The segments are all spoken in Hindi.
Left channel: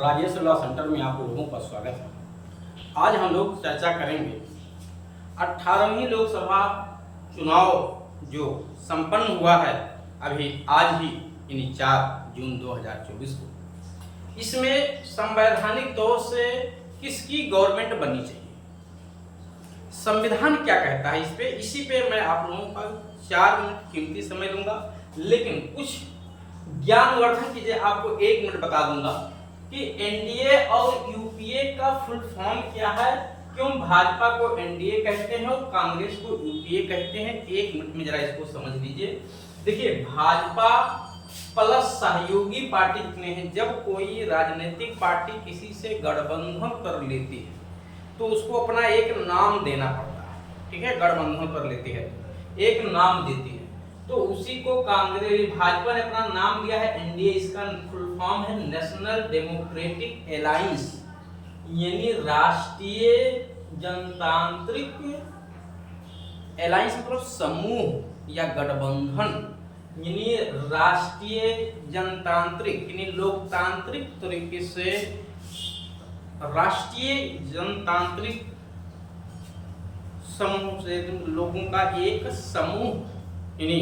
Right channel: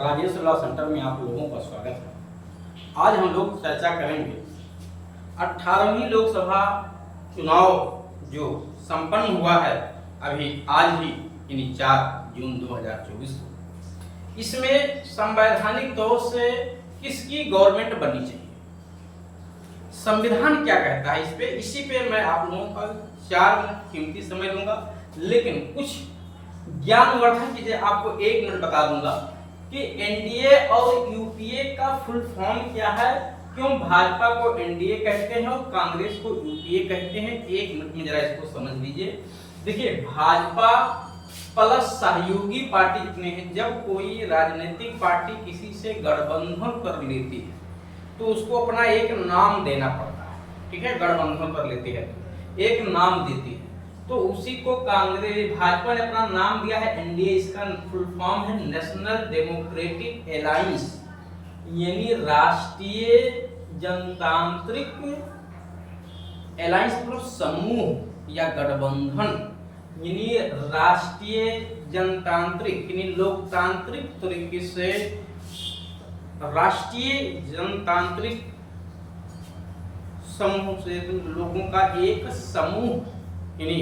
राजेश लॉ सेंटर में आप लोगों का स्वागत है। आज हम लोग चर्चा करेंगे 18वीं लोकसभा चुनाव जो संपन्न हुआ है अभी आज ही यानी 4 जून 2024 को। इसमें संवैधानिक तौर से किसकी गवर्नमेंट बननी चाहिए, संविधान क्या कहता है इसी पे मैं आप लोगों का 4 मिनट कीमती समय लूंगा, लेकिन कुछ ज्ञानवर्धक चीजें आपको 1 मिनट बता दूंगा कि एनडीए और यूपीए का फुल फॉर्म क्या है, क्यों भाजपा को एनडीए कहते हैं और कांग्रेस को यूपीए कहते हैं। 1 मिनट में जरा इसको समझ लीजिए। देखिए, भाजपा प्लस सहयोगी पार्टी जितने हैं, जब कोई राजनीतिक पार्टी किसी से गठबंधन कर लेती है तो उसको अपना एक नाम देना पड़ता है। ठीक है, गठबंधन कर लेती है एक नाम देती है, तो उसी को कांग्रेस भाजपा ने अपना नाम दिया है एनडीए। इसका फुल फॉर्म है नेशनल डेमोक्रेटिक अलायंस, यानी राष्ट्रीय जनतांत्रिक अलायंस मतलब समूह या गठबंधन, यानी राष्ट्रीय जनतांत्रिक यानी लोकतांत्रिक तरीके से राष्ट्रीय जनतांत्रिक समूह से लोगों का एक समूह यानी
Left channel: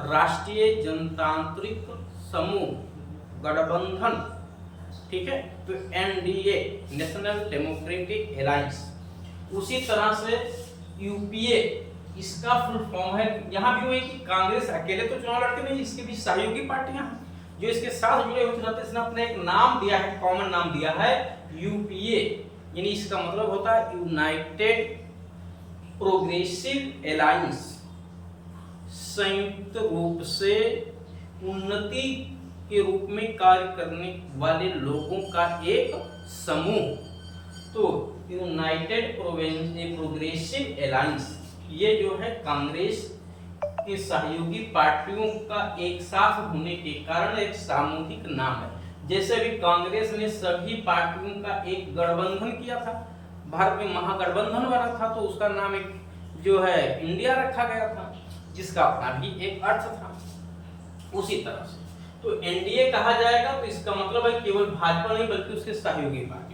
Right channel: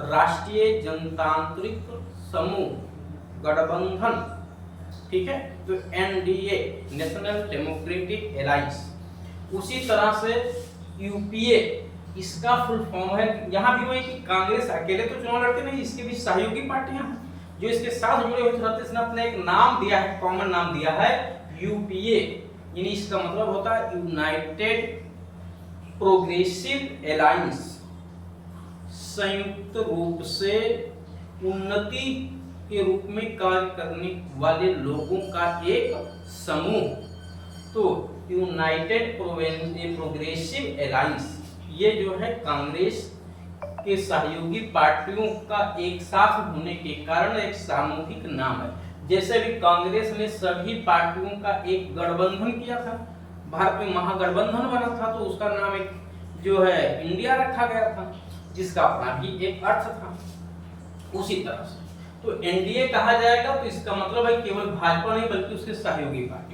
राष्ट्रीय जनतांत्रिक समूह गठबंधन। ठीक है, तो एनडीए नेशनल डेमोक्रेटिक अलायंस। उसी तरह से यूपीए इसका फुल फॉर्म है, यहाँ भी वही कि कांग्रेस अकेले तो चुनाव लड़ते नहीं, इसके भी सहयोगी पार्टियां जो इसके साथ जुड़े हुए रहते हैं। इसने अपने एक नाम दिया है, कॉमन नाम दिया है यूपीए, यानी इसका मतलब होता है यूनाइटेड प्रोग्रेसिव अलायंस, संयुक्त रूप से उन्नति के रूप में कार्य करने वाले लोगों का एक समूह। तो यूनाइटेड प्रोग्रेसिव अलायंस ये जो है कांग्रेस के सहयोगी पार्टियों का एक साथ होने के कारण एक सामूहिक नाम है। जैसे भी कांग्रेस ने सभी पार्टियों का एक गठबंधन किया था, भारत में महागठबंधन बना था, तो उसका नाम एक जो है इंडिया रखा गया था, जिसका अपना भी एक अर्थ था। उसी तरह से तो एनडीए कहा जाएगा, तो इसका मतलब है केवल भाजपा नहीं बल्कि उसके सहयोगी पार्टी।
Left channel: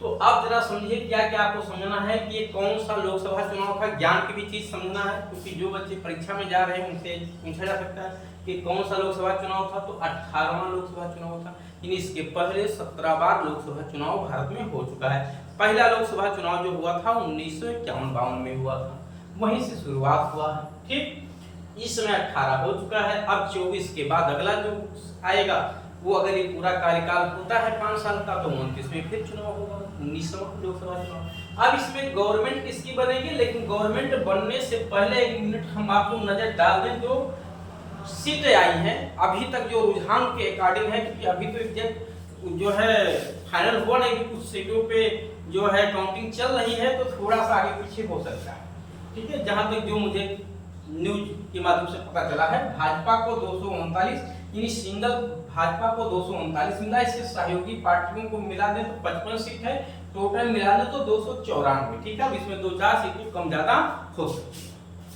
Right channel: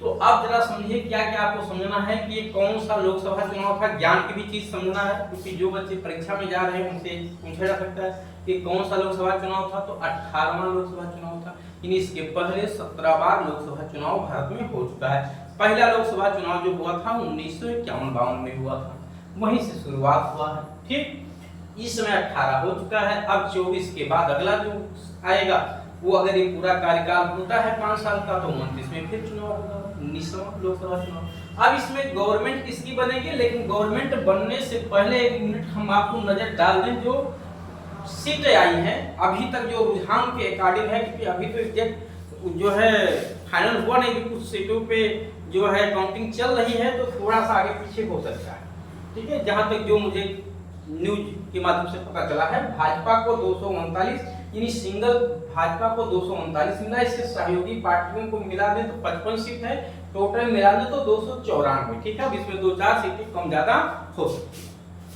तो आप जरा समझिए क्या क्या आपको समझना है कि ये कौन सा लोकसभा चुनाव था। ज्ञान की भी चीज समझना है, क्योंकि जो बच्चे परीक्षा में जा रहे हैं उनसे पूछा जा सकता है कि कौन सा लोकसभा चुनाव था। तो 18वां लोकसभा चुनाव था, यानी इसके पहले 17 बार लोकसभा चुनाव भारत में हो चुका है। पहला लोकसभा चुनाव जो हुआ था 1951-52 में हुआ था, वहीं से शुरुआत हुआ है। ठीक, इस समय 18 हो चुका है। अब 24 के बाद अगला जो आएगा वो अगर ये पूरा कार्यकाल होता है 5 साल का, तो 29 में फिर चुनाव होगा, 19वां लोकसभा चुनाव। अब इसमें गवर्नमेंट किसकी बनेगी, लेकिन गवर्नमेंट बनने से पहले 1 मिनट हम आपको नजर डाल दें जो सीटें आई हैं अभी तक, जो रुझान के अकॉर्डिंग है, क्योंकि अभी तो एग्जैक्ट जो है फाइनल हुआ नहीं, कि कुछ सीटों पे जो है काउंटिंग चल रही है, तो थोड़ा सा आगे पीछे हो सकता है। ठीक है, जहां तक जो मुझे न्यूज के माध्यम से पता चला है, भाजपा को 239 यानी सिंगल भाजपा को 239 मिला। इससे सहयोगी पार्टियों को मिला दें तो 55 सीट है, टोटल मिला दें तो 294। ठीक है, अब इसमें 2-4 सीटें कम ज्यादा हो सकती है,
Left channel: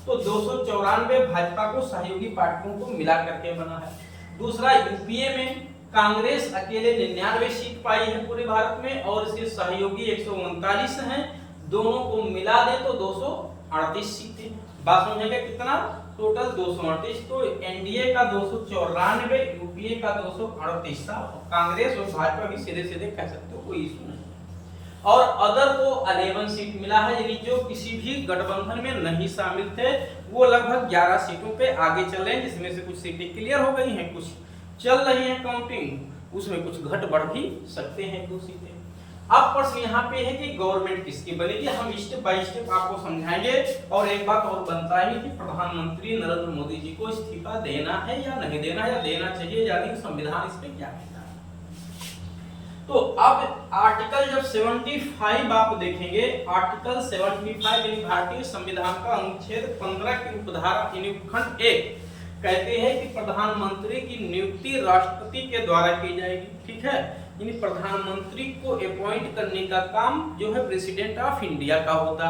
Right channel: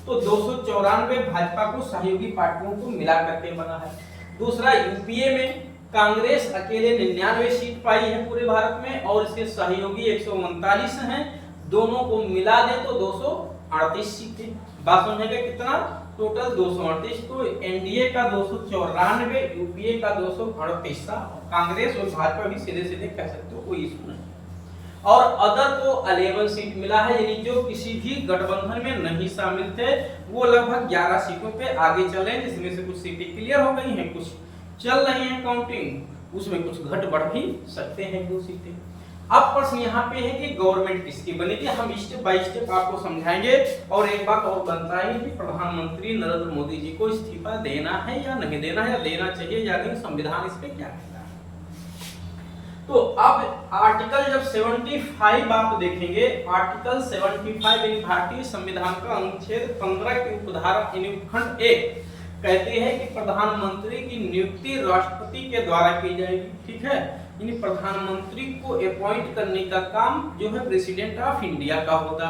तो 294 भाजपा को सहयोगी पार्टियों को मिला करके बना है। दूसरा, यूपीए में कांग्रेस अकेले 99 सीट पाई है पूरे भारत में, और इसके सहयोगी 139 हैं, दोनों को मिला दें तो 238 सीटें। बात समझेगा कितना, टोटल 238। तो एनडीए का 294, यूपीए का 238 था। कांग्रेस और भाजपा भी सीधे सीधे कह सकते हो, कोई इशू नहीं। और अदर को 11 सीट मिला है, यानी जो किसी भी गठबंधन में नहीं शामिल थे वो लगभग 11 सीटों पे आगे चले, जिसमें से कुछ सीटें क्लियर हो गई हैं, कुछ चल रही है काउंटिंग, उसमें कुछ घट बढ़ भी सकते हैं 2 सीटें। अब प्रश्न यहाँ पे है कि गवर्नमेंट किसकी बनेगी, हम स्टेप बाय स्टेप आपको समझाएंगे। और एक बात और बनता है कि प्रधानमंत्री नरेंद्र मोदी जी को इस्तीफा देना है या नहीं देना है, या देना चाहिए या नहीं, संविधान इस पे क्या कहता है। तो अब आर्टिकल जब 75 आप देखेंगे, आर्टिकल 75 भारतीय संविधान का अनुच्छेद 15 की उपधारा खंड 1 कहते हैं कि प्रधानमंत्री की नियुक्ति राष्ट्रपति के द्वारा की जाएगी। ठीक है, यानी प्रधानमंत्री को अपॉइंट करने का काम जो है प्रेसिडेंट ऑफ इंडिया का होगा।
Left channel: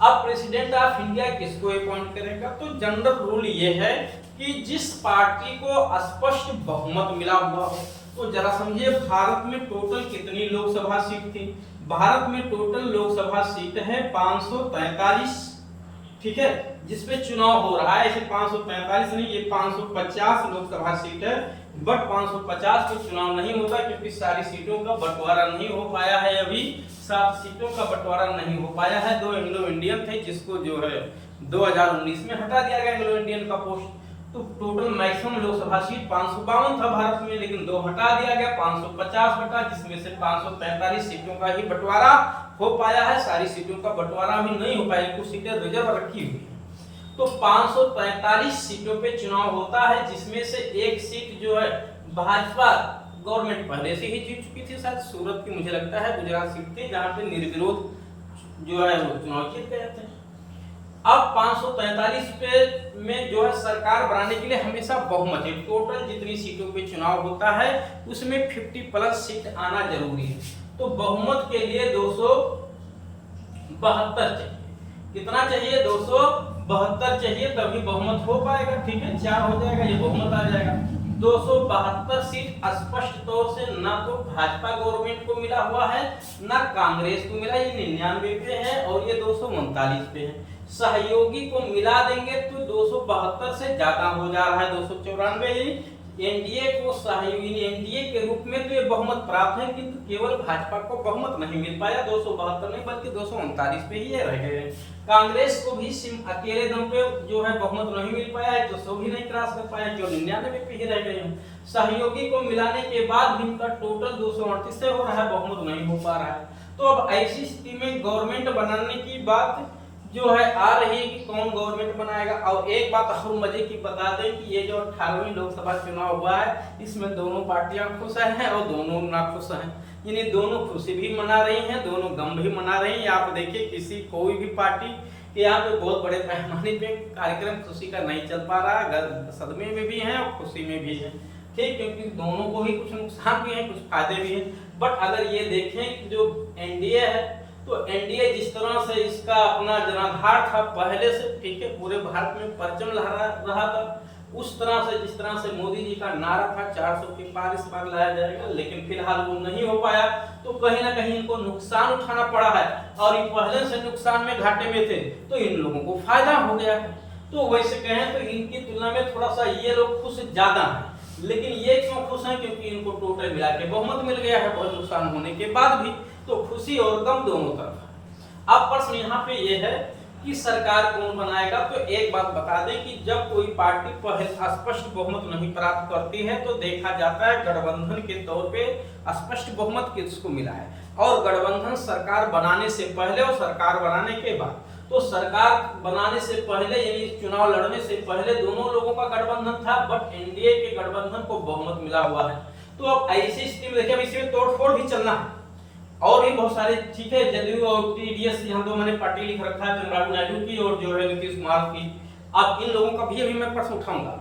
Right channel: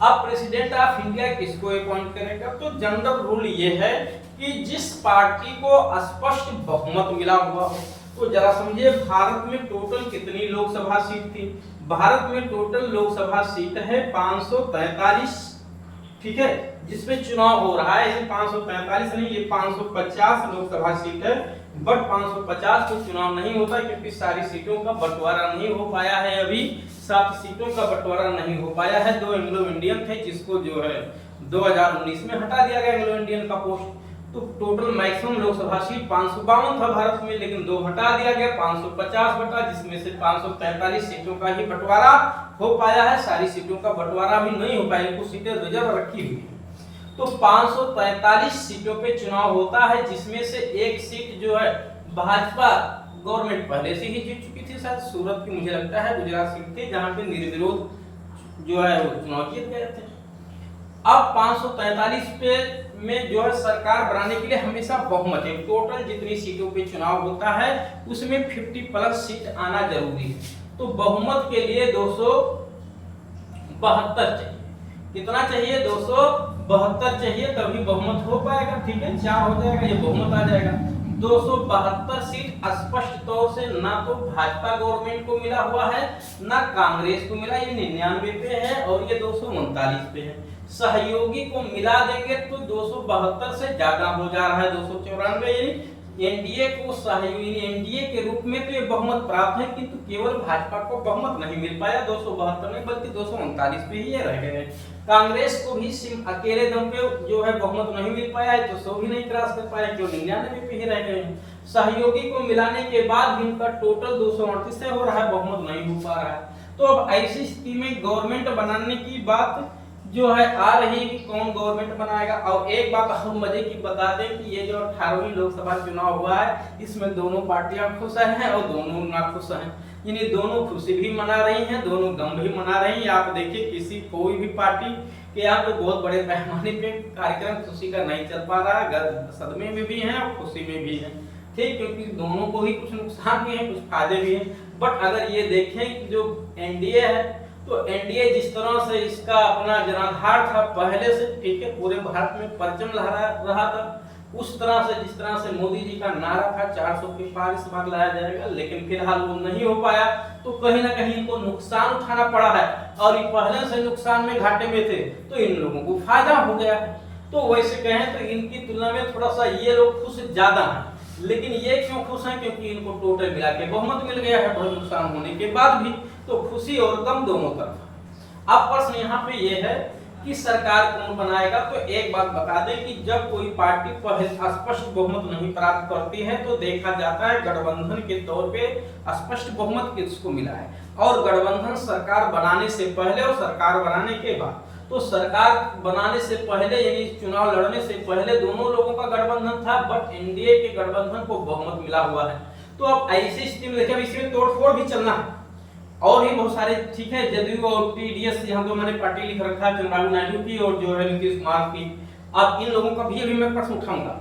अब प्रेसिडेंट ऑफ इंडिया किसको अपॉइंट करेगा, तो जनरल रूल ये है कि जिस पार्टी को स्पष्ट बहुमत मिला हुआ हो, तो जरा समझिए भारत में टोटल कितनी लोकसभा सीट थी। भारत में टोटल लोकसभा सीट है 543, ठीक है, जिसपे चुनाव हो रहा है। ऐसे 543 नहीं, ये 550 लोकसभा सीट है, बट 550 पे चुनाव नहीं होता क्योंकि सारी सीटों का बंटवारा नहीं हो पाया है। अभी 7 सीटों का बंटवारा नहीं हो पाया है। 2 एंग्लो इंडियन थे जिसको जो है 2019 में हटा दिया गया एंग्लो इंडियन का पोस्ट। तो टोटल मैक्सिमम लोकसभा सीट 552 था भारत में, लेकिन 2 हटा दिया गया, 550 बटा, जिसमें से 545 सीटों का ही बंटवारा हो पाया है। सारी सीटों का बंटवारा भी नहीं हो पाया, कुछ सीटें रिजर्व रखी हुई है। तो 545 सीटों पे चुनाव होता है, जिसमें से एक सीट जो है भाजपा गवर्नमेंट पहले से ही जीत चुकी थी, शायद सूरत की मुझे लगता है गुजरात सीट थी, जहां पे निर्विरोध जो है वो चुनाव जीत गए थे। अब 543 पे में जो है सरकार बनाने के लिए हमेशा बहुमत है। टोटल जितनी सीटों पे चुनाव होता है उसमें 50+ सीट आना जरूरी है। तो बहुमत के लिए 272 चाहिए। कितना चाहिए? 272 चाहिए, तभी बहुमत हो पाएगा। ठीक है, 4 हो जाएगा, ये बहुमत आ जाएगा। 272 सीट स्पष्ट तौर से ना तो भाजपा गवर्नमेंट को मिला हुआ है ना कांग्रेस को मिला, ये 99 पे है और ये 239 पे है। सहयोगी को मिला देंगे तो 272 से ज्यादा हो जा रहा है, 294। एनडीए को सहयोगी एनडीए के रूप में तो ये बहुमत प्राप्त है, किंतु केवल भाजपा को बहुमत नहीं मिल पाया, 272 नहीं बल्कि 239 पे ही रह गए। कांग्रेस को भी सिर्फ अकेले दम पे जो है बहुमत नहीं मिल पाया है, तो 100 भी नहीं क्रॉस कर पाया, केवल 99 पे ही रह गए। सहयोगी को मिलाने के बाद भी इनका टोटल 238 से हो रहा है, बहुमत नहीं हो पा रहा है। तो अब ऐसी स्थिति में गवर्नमेंट बनाने की बात जो है आ रही है कि कौन गवर्नमेंट बनाएगा। और एक बात हम मजे की बता दें कि ये जो 18वीं लोकसभा चुनाव हुआ है इसमें दोनों पार्टियां खुश हैं और दोनों नाखुश हैं। यानी दोनों खुशी भी मना रही हैं, दोनों गम भी मना रही हैं। आप देखिए किसी कोई भी पार्टी के यहाँ पे बहुत बड़े पैमाने पे कार्यक्रम खुशी का नहीं चल पा रहा, सदमे में भी हैं और खुशी में भी हैं। ठीक, क्योंकि दोनों को ही कुछ नुकसान भी है कुछ फायदे भी हैं। बट अगर ये देखें कि जो एनडीए है तो एनडीए जिस तरह से इसका अपना जनाधार था पहले से, ठीक है, पूरे भारत में परचम लहरा रहा था, उस तरह से जिस तरह से मोदी जी का नारा था 400 के पार इस बार लाया जाएगा, लेकिन फिलहाल वो नहीं हो पाया। तो कहीं ना कहीं इनको नुकसान उठाना पड़ा है और ये पहले से नुकसान में घाटे में थे, तो इन लोगों को फायदा हो गया है। तो वैसे कहें तो इनकी तुलना में थोड़ा सा ये लोग खुश ज्यादा हैं। लेकिन ये क्यों खुश हैं? क्योंकि इनको टोटल मिला के बहुमत मिल गया है, बहुत नुकसान होने के बाद भी। तो खुशी और गम दोनों तरफ। अब प्रश्न यहाँ पे ये है कि सरकार कौन बनाएगा। तो एक बात बता दें कि जब कोई पार्टी पहले स्पष्ट बहुमत नहीं प्राप्त करती है तो देखा जाता है गठबंधन के तौर पे स्पष्ट बहुमत किसको मिला है। और गठबंधन सरकार बनाने से पहले और सरकार बनाने के बाद, तो सरकार बनाने से पहले यानी चुनाव लड़ने से पहले दोनों लोगों का गठबंधन था, बट एनडीए के गठबंधन को बहुमत मिला हुआ है। तो अब ऐसी स्थिति में देखिए इसमें तोड़फोड़ भी चलना है और भी बहुत सारे, ठीक है, जदयू और टीडीएस यहाँ दो मैंने पार्टी लिख रखा है, चंद्रबाबू नायडू की और जो है नीतीश कुमार की। अब इन लोगों का भी अभी मैं प्रश्न उठाऊंगा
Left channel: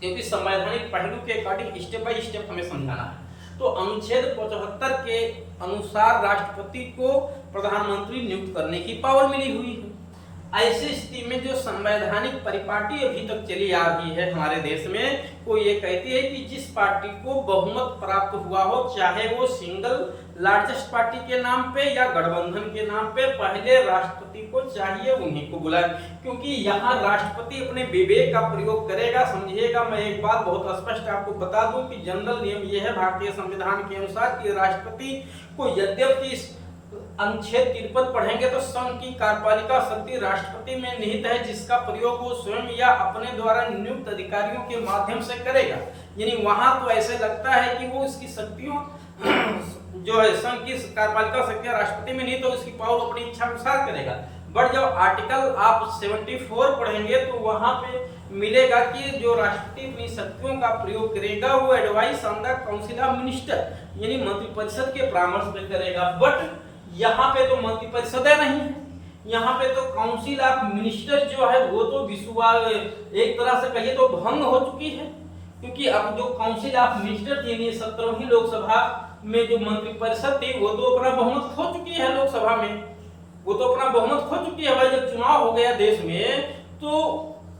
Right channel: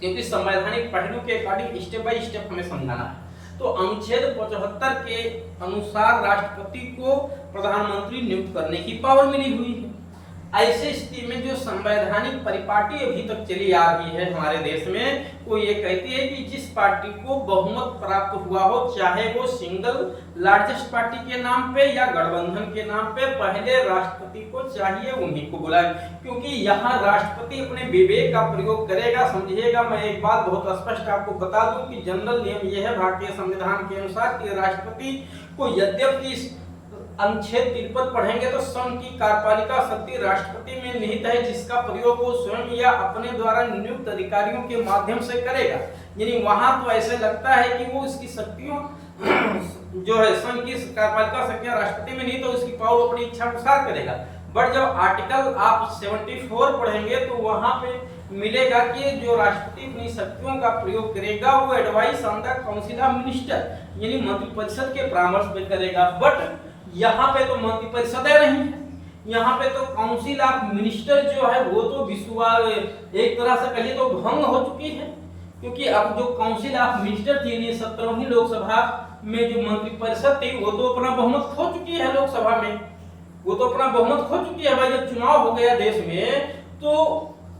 क्योंकि संवैधानिक पहलू के अकॉर्डिंग स्टेप बाय स्टेप हमें समझाना है। तो अनुच्छेद 75 के अनुसार राष्ट्रपति को प्रधानमंत्री नियुक्त करने की पावर मिली हुई है। ऐसी स्थिति में जो संवैधानिक परिपाटी अभी तक चली आ रही है हमारे देश में, वो ये कहती है कि जिस पार्टी को बहुमत प्राप्त हुआ हो, चाहे वो सिंगल लार्जेस्ट पार्टी के नाम पे या गठबंधन के नाम पे, पहले राष्ट्रपति को चाहिए उन्हीं को बुलाए। क्योंकि यहाँ राष्ट्रपति अपने विवेक का प्रयोग करेगा। समझिएगा, मैं एक बात बहुत स्पष्ट आपको बता दूं कि जनरल नियम ये है भारतीय संविधान के अनुसार कि राष्ट्रपति को यद्यपि अनुच्छेद 53 पढ़ेंगे तो संघ की कार्यपालिका शक्ति राष्ट्रपति में निहित है, जिसका प्रयोग वो स्वयं या अपने द्वारा नियुक्त अधिकारियों के माध्यम से करेगा। यानी वहां तो ऐसे लगता है कि वो इसकी शक्तियों जो है संघ की कार्यपालिका शक्तियां राष्ट्रपति में निहित है, उसकी पावर अपनी इच्छा अनुसार करेगा। बट जब आर्टिकल आप 74 पढ़ेंगे तो वहां पे मिलेगा कि जो राष्ट्रपति अपनी शक्तियों का प्रयोग करेगा वो advice on the council of minister यानी मंत्रिपरिषद के परामर्श में करेगा। बट यहाँ पे तो मंत्रिपरिषद नहीं है, यहाँ पे तो काउंसिल ऑफ मिनिस्टर जो है वो तो एक तरह से कहिए तो भंग हो चुकी है। क्योंकि अब जो काउंसिल ऑफ मिनिस्टर थी 17वीं लोकसभा में जो मंत्रिपरिषद थी वो तो अपना बहुमत खो चुकी है लोकसभा में, वो तो अपना बहुमत खो चुकी है। भाई जब चुनाव हो गया देश में तो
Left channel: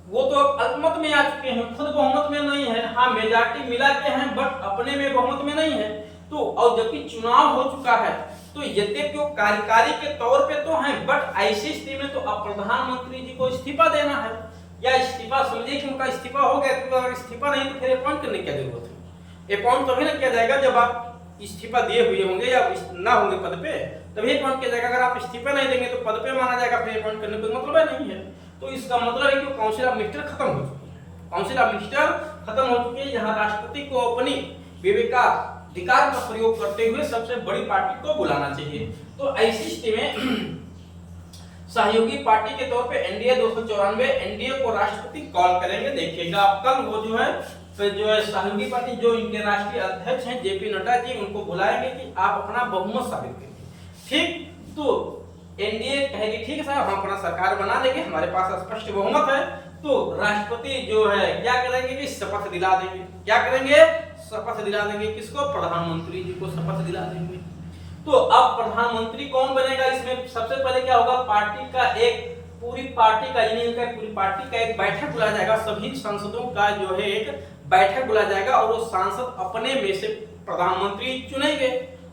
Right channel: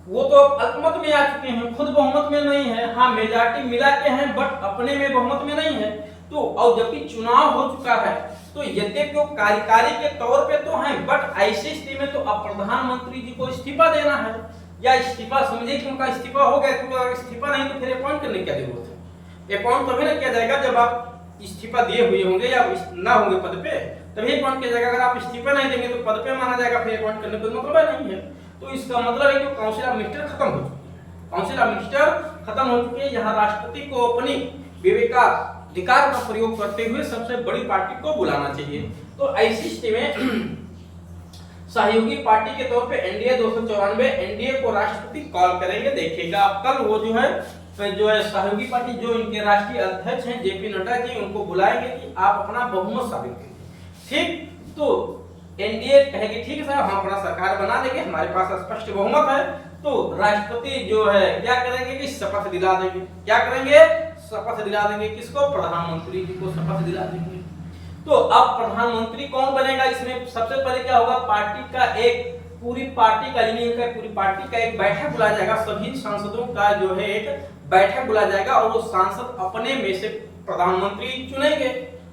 वो तो अब अल्पमत में आ चुके हैं, खुद बहुमत में नहीं है। हाँ मेजॉरिटी मिला के हैं बट अपने में बहुमत में नहीं है। तो और जबकि चुनाव हो चुका है तो यद्यपि वो कार्यकारी के तौर पे तो हैं बट ऐसी स्थिति में तो अब प्रधानमंत्री जी को इस्तीफा देना है, या इस्तीफा समझे कि उनका इस्तीफा हो गया, क्योंकि अगर इस्तीफा नहीं तो फिर अपॉइंट करने की क्या जरूरत है। अपॉइंट तभी ना किया जाएगा जब आप इस्तीफा दिए हुए होंगे या ना होंगे पद पे, तभी अपॉइंट किया जाएगा। अगर आप इस्तीफा नहीं देंगे तो पद पे माना जाएगा, फिर अपॉइंट करने का कोई मतलब नहीं है। तो इसका मतलब है कि काउंसिल ऑफ मिनिस्टर खत्म हो चुकी है, काउंसिल ऑफ मिनिस्टर खत्म हो चुकी है। यहाँ राष्ट्रपति को अपनी विवेकाधिकार का प्रयोग करते हुए सबसे बड़ी पार्टी को बुलाना चाहिए। तो ऐसी स्थिति में सहयोगी पार्टी के तौर पे एनडीए 294 एनडीए को राष्ट्रपति कॉल करेंगे। देखिएगा कल वो जो है सहयोगी पार्टी जो इनके राष्ट्रीय अध्यक्ष हैं जेपी नड्डा जी, उनको बुलाएंगे कि आप अपना बहुमत साबित करिए। ठीक, तो एनडीए कहेगी ठीक है साहब हम अपना सरकार बना लेंगे, हमारे पास स्पष्ट बहुमत है। तो राष्ट्रपति जो है क्या करेंगे कि शपथ दिला देंगे। क्या करेंगे? शपथ दिला देंगे। किसको? प्रधानमंत्री जी को शपथ दिला देंगे। तो अब प्रधानमंत्री कौन बनेगा? इसमें सबसे पहले क्या होगा, पार्टी का एक पूरी पार्टी का यूनियन का पूरी पार्टी का एक बैठक बुलाया जाएगा। सभी सांसदों का जो है एक बैठक बुलाया जाएगा और वो सांसद अपने में से प्रधानमंत्री चुनेंगे,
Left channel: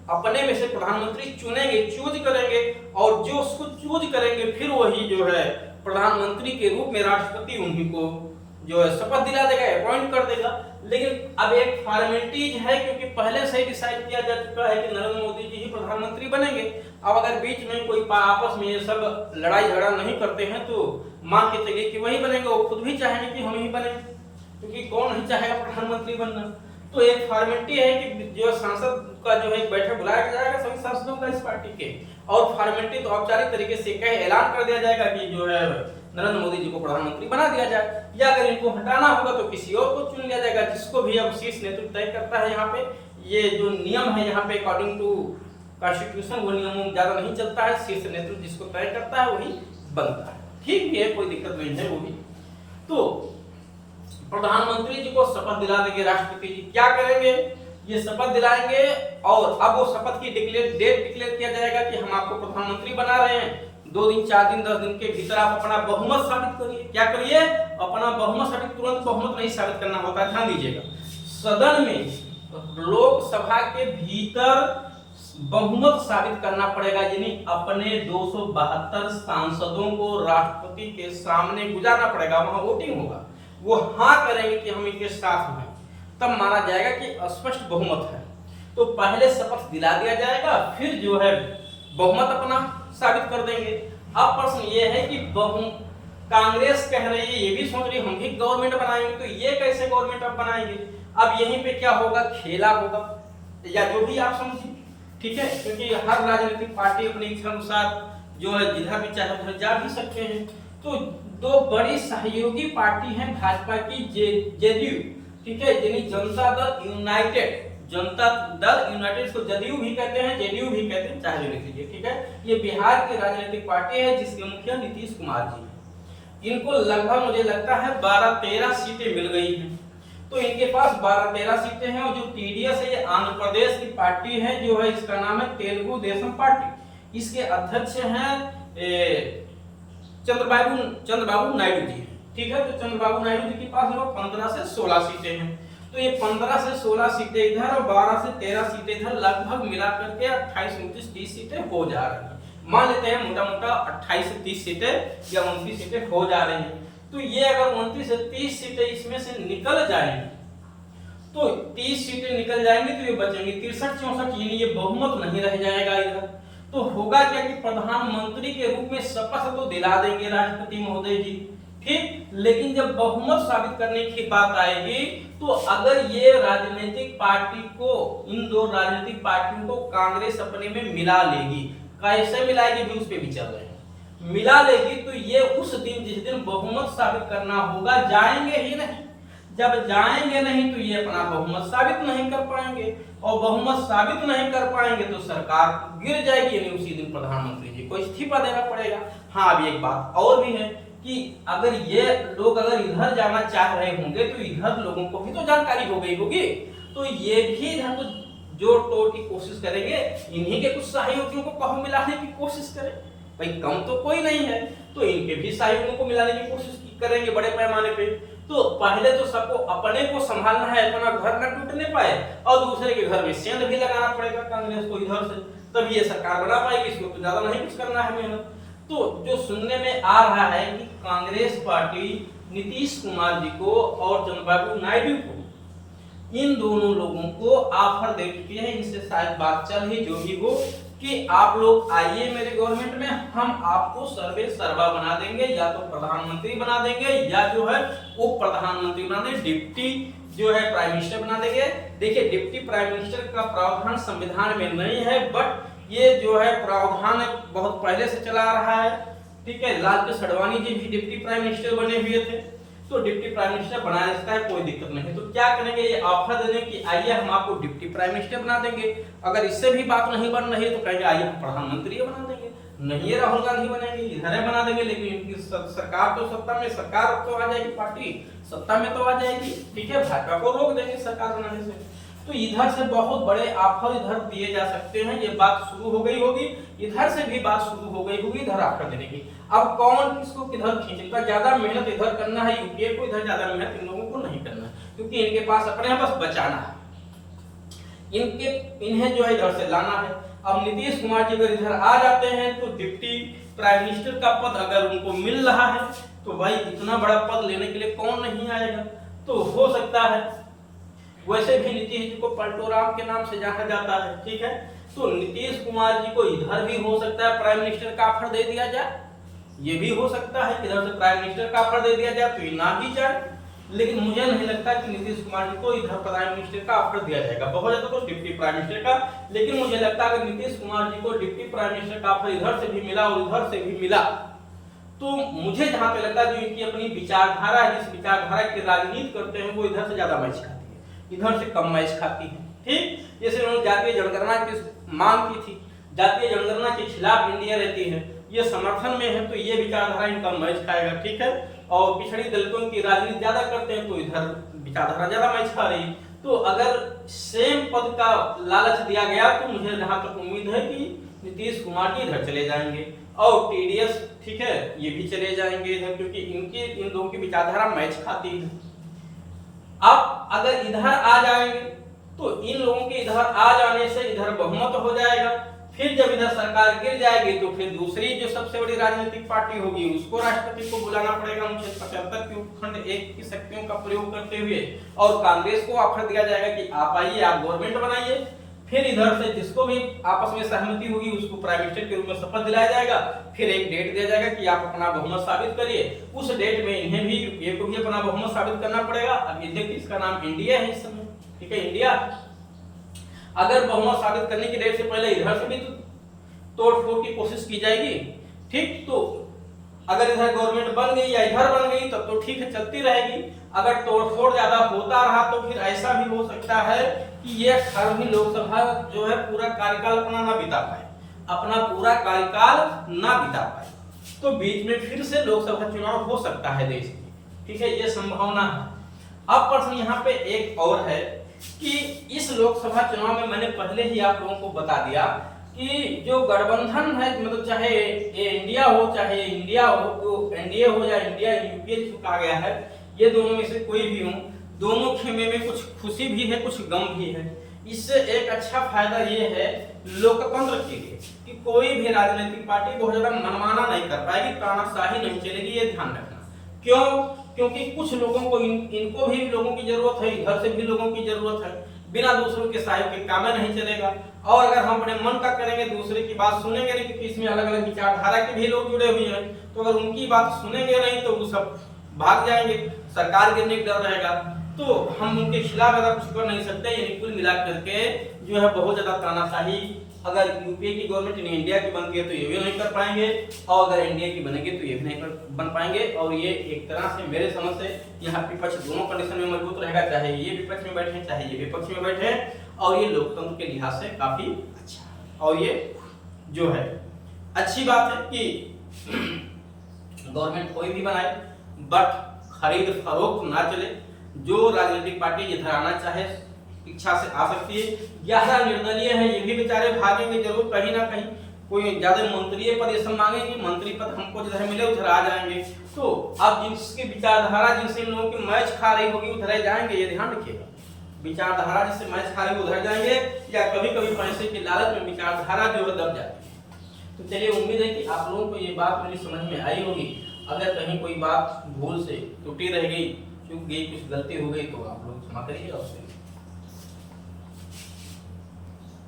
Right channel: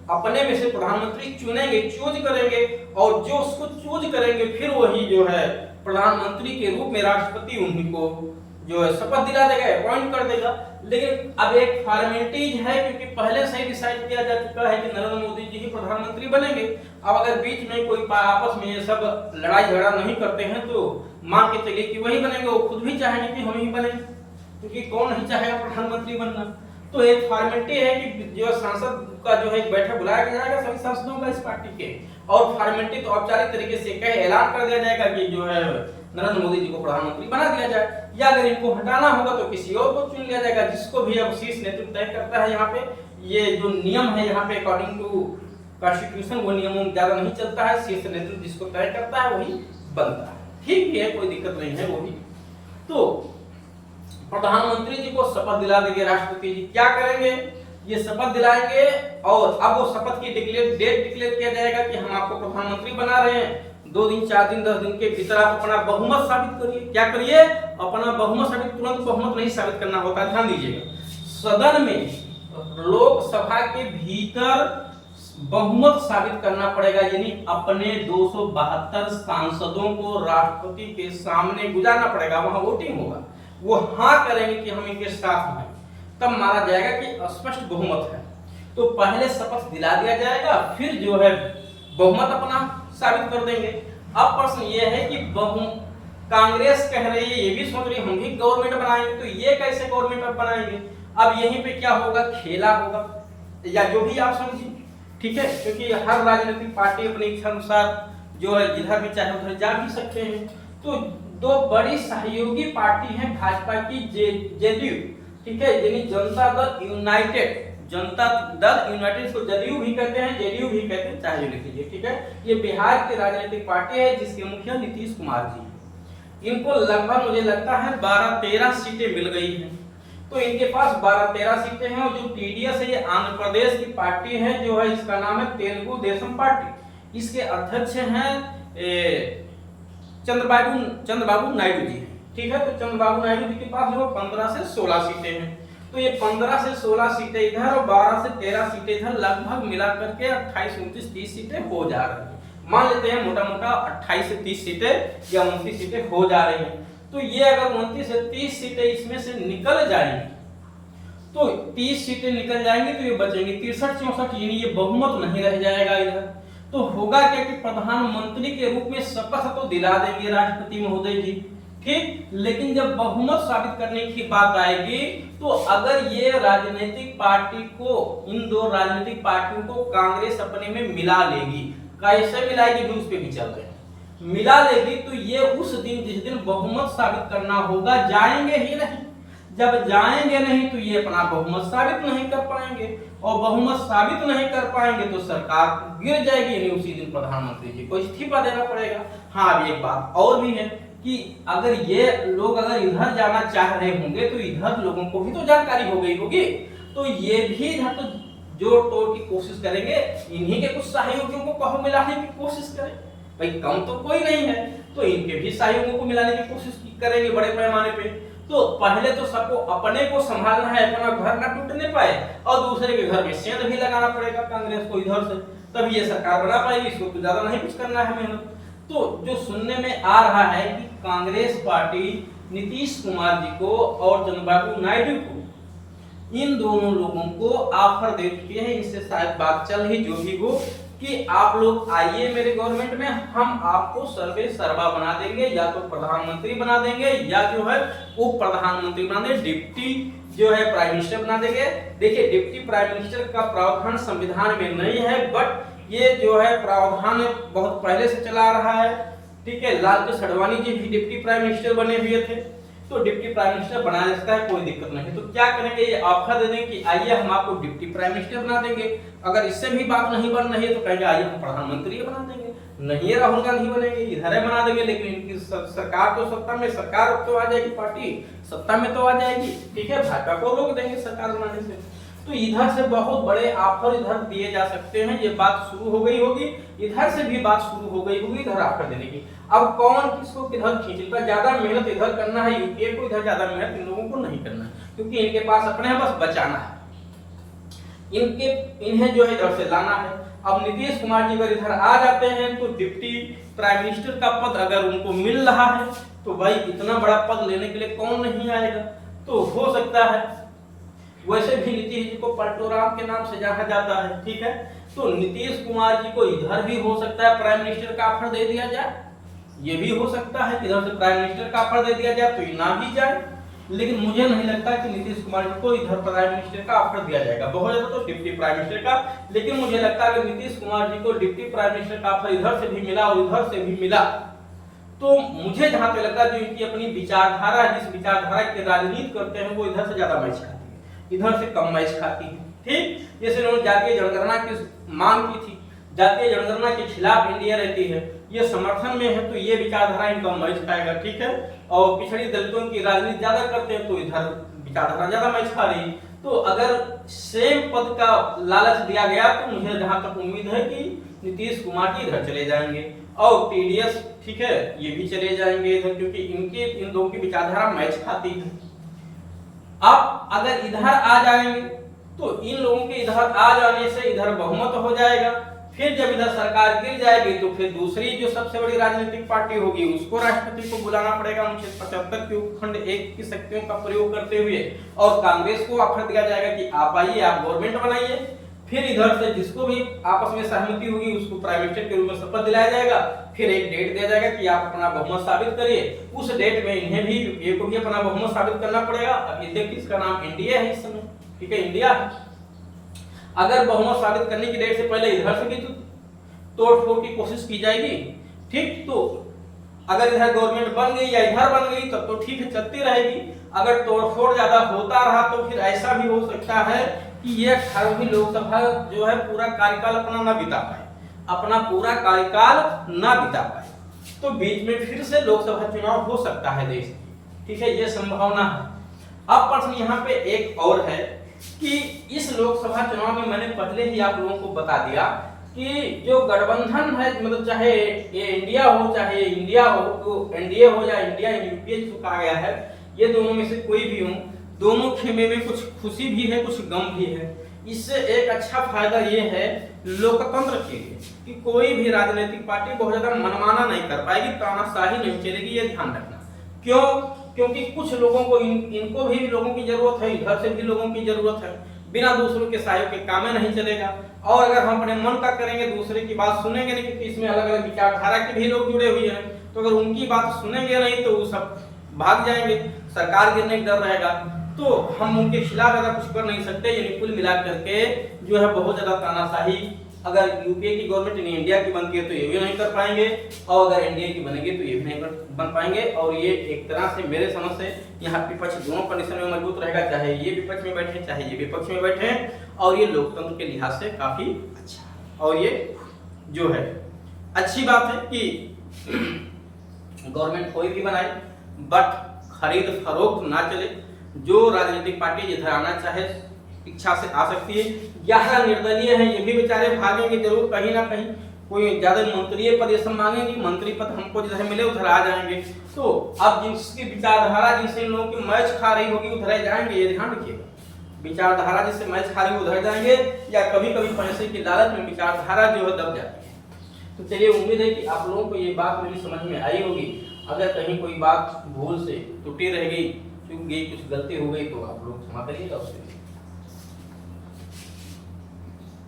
अपने में से प्रधानमंत्री चुनेंगे, चूज करेंगे, और जो उसको चूज करेंगे फिर वही जो है प्रधानमंत्री के रूप में राष्ट्रपति उन्हीं को जो है शपथ दिला देगा, अपॉइंट कर देगा। लेकिन अब एक फॉर्मेलिटीज है, क्योंकि पहले से ही डिसाइड किया जा चुका है कि नरेंद्र मोदी जी ही प्रधानमंत्री बनेंगे। अब अगर बीच में कोई आपस में ये सब लड़ाई झगड़ा नहीं करते हैं तो मान के चलिए कि वही बनेंगे। वो खुद भी चाहेंगे कि हम ही बने, क्योंकि कौन नहीं चाहेगा प्रधानमंत्री बनना। तो एक फॉर्मेलिटी है कि जो सांसद का जो है एक बैठक बुलाया जाएगा सभी सांसदों का इस पार्टी के, और फॉर्मेलिटी तो औपचारिक तरीके से कहे ऐलान कर दिया जाएगा कि जो है नरेंद्र मोदी जी को प्रधानमंत्री बना दिया जाए, या अगर इनको हटाना होगा तो किसी और को चुन लिया जाएगा, जिसको भी अब शीर्ष नेतृत्व तय करता है। यहाँ पे ये जो नियम है यहाँ पे अकॉर्डिंग टू कॉन्स्टिट्यूशन वो नियमों में ज्यादा नहीं चलता है, शीर्ष नेतृत्व जिसको तय करता है वही बनता है। ठीक है, कोई दिक्कत नहीं है वो भी। तो प्रधानमंत्री जी को शपथ दिला देंगे राष्ट्रपति जी। क्या करेंगे? ये शपथ दिलाएंगे और अब वो शपथ की डेट डिक्लेयर किया जाएगा कि हम आपको प्रधानमंत्री बना रहे हैं। 2 दिन 4 दिन 10 दिन के भीतर आप अपना बहुमत साबित करिए। क्या करिए? अपना बहुमत साबित। तुरंत बहुमत नहीं साबित करना होता है, ध्यान दीजिएगा। सदन में लोकसभा के भीतर बहुमत साबित करना पड़ेगा, यानी अपने 272 सांसदों को राष्ट्रपति के सामने गुजारना पड़ेगा। वहां वोटिंग होगा, वो हाँ करेंगे कि हम इनके साथ हैं, तब माना जाएगा कि स्पष्ट बहुमत है। तो पहले शपथ दिला दिया जाएगा, फिर जो है बहुमत अपना साबित कर देंगे। अब प्रश्न ये है कि कांग्रेस कह रही है, ये भी सोच रही हम भी गवर्नमेंट बनाएंगे, तो ये कैसे गवर्नमेंट अब बनाएंगे? अब यहीं पे क्या होगा, खेला होगा, या जो भी आप समझिए, ठीक है, क्योंकि हर राजनीतिक पार्टी अपनी इच्छा अनुसार जो है जिधर भी चाहे उधर जा भी सकते हैं। तो 2 बड़ी सहयोगी पार्टी हैं भाजपा की, जेडीयू, ठीक है, यानी जनता दल यूनाइटेड, जनता दल यूनाइटेड, इसको जदयू भी कहते हैं, जेडीयू भी कहते हैं, चाहे लिख लीजिए, ठीक है। ये बिहार की राजनीतिक पार्टी है जिसके मुखिया नीतीश कुमार जी हैं। इनको लगभग मुझे लगता है 12-13 सीटें मिल गई हैं। तो इनके पास 12-13 सीटें हैं। और जो टीडीएस है ये आंध्र प्रदेश की पार्टी है, जो है इसका नाम है तेलुगु देशम पार्टी। इसके अध्यक्ष हैं चंद्रबाबू नायडू जी, ठीक है। तो चंद्रबाबू नायडू जी के पास 15 से 16 सीटें हैं। तो ये 15 से 16 सीटें इधर और 12 से 13 सीटें इधर, लगभग मिलाकर के 28, 29, 30 सीटें हो जा रही हैं। मान लेते हैं मोटा मोटा 28 से 30 सीटें या 29 सीटें हो जा रही हैं। तो ये अगर 29 से 30 सीटें इसमें से निकल जाएंगी, तो 30 सीटें निकल जाएंगी तो ये बचेंगी 63-64, यानी ये बहुमत नहीं रह जाएगा इधर। तो होगा क्या कि प्रधानमंत्री के रूप में शपथ तो दिला देंगे राष्ट्रपति महोदय जी, ठीक, लेकिन जब बहुमत साबित करने की बात आएगी तो अगर ये राजनीतिक पार्टी को, इन 2 राजनीतिक पार्टियों को कांग्रेस अपने में मिला लेगी, कैसे मिलाएगी भी उस पे भी चल रहे हैं, मिला लेगी, तो ये उस दिन जिस दिन बहुमत साबित करना होगा जाएंगे ही नहीं। जब जाएंगे नहीं तो ये अपना बहुमत साबित नहीं कर पाएंगे, और बहुमत साबित नहीं कर पाएंगे तो सरकार गिर जाएगी, यानी उसी दिन प्रधानमंत्री जी को इस्तीफा देना पड़ेगा। हाँ, अभी एक बात और भी है कि अगर ये लोग अगर इधर जाना चाह रहे होंगे तो इधर लोगों को भी तो जानकारी हो गई होगी, तो ये भी इधर तो जोड़ तोड़ की कोशिश करेंगे, इन्हीं के कुछ सहयोगियों को कहो मिलाने की कोशिश करें, भाई कम तो कोई नहीं है, तो इनके भी सहयोगों को मिलाने की कोशिश करेंगे बड़े पैमाने पे। तो पहले तो सबको अपने को संभालना है, अपना घर न टूटने पाए, और दूसरे के घर में सेंध भी लगाना पड़ेगा कांग्रेस को इधर से, तब ये सरकार बना पाएगी। इसको तो ज्यादा नहीं कुछ करना है मेहनत। तो जो सुनने में आ रहा है कि कांग्रेस पार्टी नीतीश कुमार जी को और चंद्रबाबू नायडू को, इन दोनों लोगों को ऑफर दे चुकी है, इनसे शायद बात चल ही जो भी हो कि आप लोग आइए मेरे गवर्नमेंट में, हम आपको सर्वे सर्वा बना देंगे, या तो प्रधानमंत्री बना देंगे, या जो है उप प्रधानमंत्री बना देंगे, डिप्टी जो है प्राइम मिनिस्टर बना देंगे। देखिए डिप्टी प्राइम मिनिस्टर का प्रावधान संविधान में नहीं है, बट ये जो है प्रावधान बहुत पहले से चला आ रहा है। ठीक है, लालकृष्ण आडवाणी जी भी डिप्टी प्राइम मिनिस्टर बने हुए थे, तो डिप्टी प्राइम मिनिस्टर बनाया जा सकता है, कोई दिक्कत नहीं। तो क्या करेंगे, ये ऑफर दे देंगे कि आइए हम आपको डिप्टी प्राइम मिनिस्टर बना देंगे। अगर इससे भी बात नहीं बन रही है तो कहेंगे आइए हम प्रधानमंत्री बना देंगे। नहीं राहुल गांधी बनेंगे, इधर है बना देंगे, लेकिन इनकी सरकार तो सत्ता में, सरकार तो आ जाएगी, पार्टी सत्ता में तो आ जाएगी। ठीक है, भाजपा को रोक देंगे सरकार बनाने से। तो इधर से बहुत बड़े ऑफर इधर दिए जा सकते हैं, ये बात शुरू हो गई होगी, इधर से भी बात शुरू हो गई होगी इधर ऑफर देने की। अब कौन किसको किधर खींचेगा, ज्यादा मेहनत इधर करना है यूपीए को, इधर ज्यादा मेहनत इन लोगों को नहीं करना है, क्योंकि इनके पास अपने बस बचाना है, इन्हें जो है इधर से लाना है। अब नीतीश कुमार जी अगर इधर आ जाते हैं तो डिप्टी प्राइम मिनिस्टर का पद अगर उनको मिल रहा है तो भाई इतना बड़ा पद लेने के लिए कौन नहीं आएगा। तो हो सकता है, वैसे भी नीतीश जी को पलटोराम के नाम से जाना जाता है। ठीक है, तो नीतीश कुमार जी को इधर भी हो सकता है प्राइम मिनिस्टर का ऑफर दे दिया जाए, ये भी हो सकता है कि इधर से प्राइम मिनिस्टर का ऑफर दे दिया जाए तो ये ना भी जाए। लेकिन मुझे नहीं लगता कि नीतीश कुमार जी को इधर प्राइम मिनिस्टर का ऑफर दिया जाएगा, बहुत ज्यादा तो डिप्टी प्राइम मिनिस्टर का। लेकिन मुझे लगता है अगर नीतीश कुमार जी को डिप्टी प्राइम मिनिस्टर का ऑफर इधर से भी मिला और इधर से भी मिला, तो मुझे जहां पे लगता है जो इनकी अपनी विचारधारा है, जिस विचारधारा की राजनीति करते हैं, वो इधर से ज्यादा मैच खाती है, इधर से कम मैच खाती है। ठीक, जैसे उन्होंने जातीय जनगणना की मांग की थी, जातीय जनगणना के खिलाफ इंडिया रहती है, ये समर्थन में है, तो ये विचारधारा इनका मैच खाएगा। ठीक है, और पिछड़ी दलितों की राजनीति ज्यादा करते हैं तो इधर विचारधारा ज्यादा मैच खा रही। तो अगर सेम पद का लालच दिया गया तो मुझे जहां तक उम्मीद है कि नीतीश कुमार जी इधर चले जाएंगे और टीडीएस, ठीक है, ये भी चले जाएंगे इधर, क्योंकि इन लोगों की विचारधारा मैच खाती है। अब अगर इधर आ जाएंगे तो इन लोगों के इधर आ जाने से इधर बहुमत हो जाएगा, फिर जब इधर सरकार गिर जाएगी तो फिर दूसरी जो सबसे बड़ी राजनीतिक पार्टी होगी उसको राष्ट्रपति को बुलाना पड़ेगा 75 के उपखंड 1 की शक्तियों का प्रयोग करते हुए, और कांग्रेस को ऑफर दिया जाएगा कि आप आइए, आप गवर्नमेंट बनाइए। फिर इधर से जिसको भी आपस में सहमति होगी उसको प्राइम मिनिस्टर के रूप में शपथ दिलाया जाएगा, फिर एक डेट दिया जाएगा कि आप अपना बहुमत साबित करिए। उस डेट में इन्हें भी, यूपीए को भी अपना बहुमत साबित करना पड़ेगा। अब ये देखिए इसका नाम इंडिया है इस समय, ठीक है, इंडिया। अगर बहुमत साबित करने की डेट से पहले इधर से भी तो तोड़ फोड़ की कोशिश की जाएगी। ठीक, तो अगर इधर गवर्नमेंट बन गई या इधर बन गई तब तो ठीक है, चलती रहेगी। अगर तोड़फोड़ ज्यादा होता रहा तो फिर ऐसा भी हो सकता है कि ये 18वीं लोकसभा जो है पूरा कार्यकाल अपना ना बिता पाए, अपना पूरा कार्यकाल ना बिता पाए, तो बीच में फिर से लोकसभा चुनाव हो सकता है देश में। ठीक है, ये संभावना है। अब प्रश्न यहाँ पे एक और है कि इस लोकसभा चुनाव में मैंने पहले ही आप लोगों को बता दिया कि जो गठबंधन है, मतलब चाहे ये इंडिया हो चाहे ये इंडिया हो, तो एनडीए हो या इंडिया यूपीए जो कहा गया है, ये दोनों में से कोई भी हो, दोनों खेमे में कुछ खुशी भी है कुछ गम भी है। इससे एक अच्छा फायदा ये है लोकतंत्र के लिए कि कोई भी राजनीतिक पार्टी बहुत ज्यादा मनमाना नहीं कर पाएगी, तानाशाही नहीं चलेगी, ये ध्यान रखना। क्यों? क्योंकि कुछ लोगों को इनको भी लोगों की जरूरत है, इधर से भी लोगों की जरूरत है, बिना दूसरों के सहयोग के काम नहीं चलेगा। और अगर हम अपने मन तक करेंगे, दूसरे की बात सुनेंगे नहीं, क्योंकि इसमें अलग अलग विचारधारा के भी लोग जुड़े हुए हैं, तो अगर उनकी बात सुनेंगे नहीं तो वो सब भाग जाएंगे, सरकार गिरने का डर रहेगा, तो हम उनके खिलाफ ज्यादा कुछ कर नहीं सकते। यानी कुल मिला करके जो है बहुत ज्यादा तानाशाही अगर यूपीए की गवर्नमेंट इंडिया की बनती है तो ये भी नहीं कर पाएंगे, और अगर एनडीए की बनेगी तो ये भी नहीं बन पाएंगे। और ये एक तरह से मेरे समझ से यहाँ विपक्ष दोनों कंडीशन में मजबूत रहेगा, चाहे ये विपक्ष में बैठे चाहे ये विपक्ष में बैठे, और ये लोकतंत्र के लिहाज से काफी अच्छा। और ये जो है अच्छी बात है कि गवर्नमेंट कोई भी बनाए बट खरीद फरोख्त ना चले। जो राजनीतिक पार्टी जिधर आना चाहे इच्छा से आ सकती है। 11 निर्दलीय हैं, ये भी बेचारे भागेंगे जरूर कहीं ना कहीं, कोई ज्यादा मंत्रीय पद ये सब मांगेंगे, मंत्री पद हमको जिधर मिले उधर आ जाएंगे। तो अब जिसकी विचारधारा जिनसे इन लोगों की मैच खा रही होगी उधर जाएंगे, ये ध्यान रखिएगा। विचारधारा जिससे मैच खा रही है उधर जाएंगे, या कभी कभी पैसे की लालच में विचारधारा जो है दब जाती है। तो चलिए, उम्मीद है कि आप लोगों को ये बात मेरी समझ में आई होगी। अगर कहीं कोई बात भूल से त्रुटि रह गई, चूक गई, कुछ गलती हो गई तो आप लोग क्षमा करिएगा उसके लिए।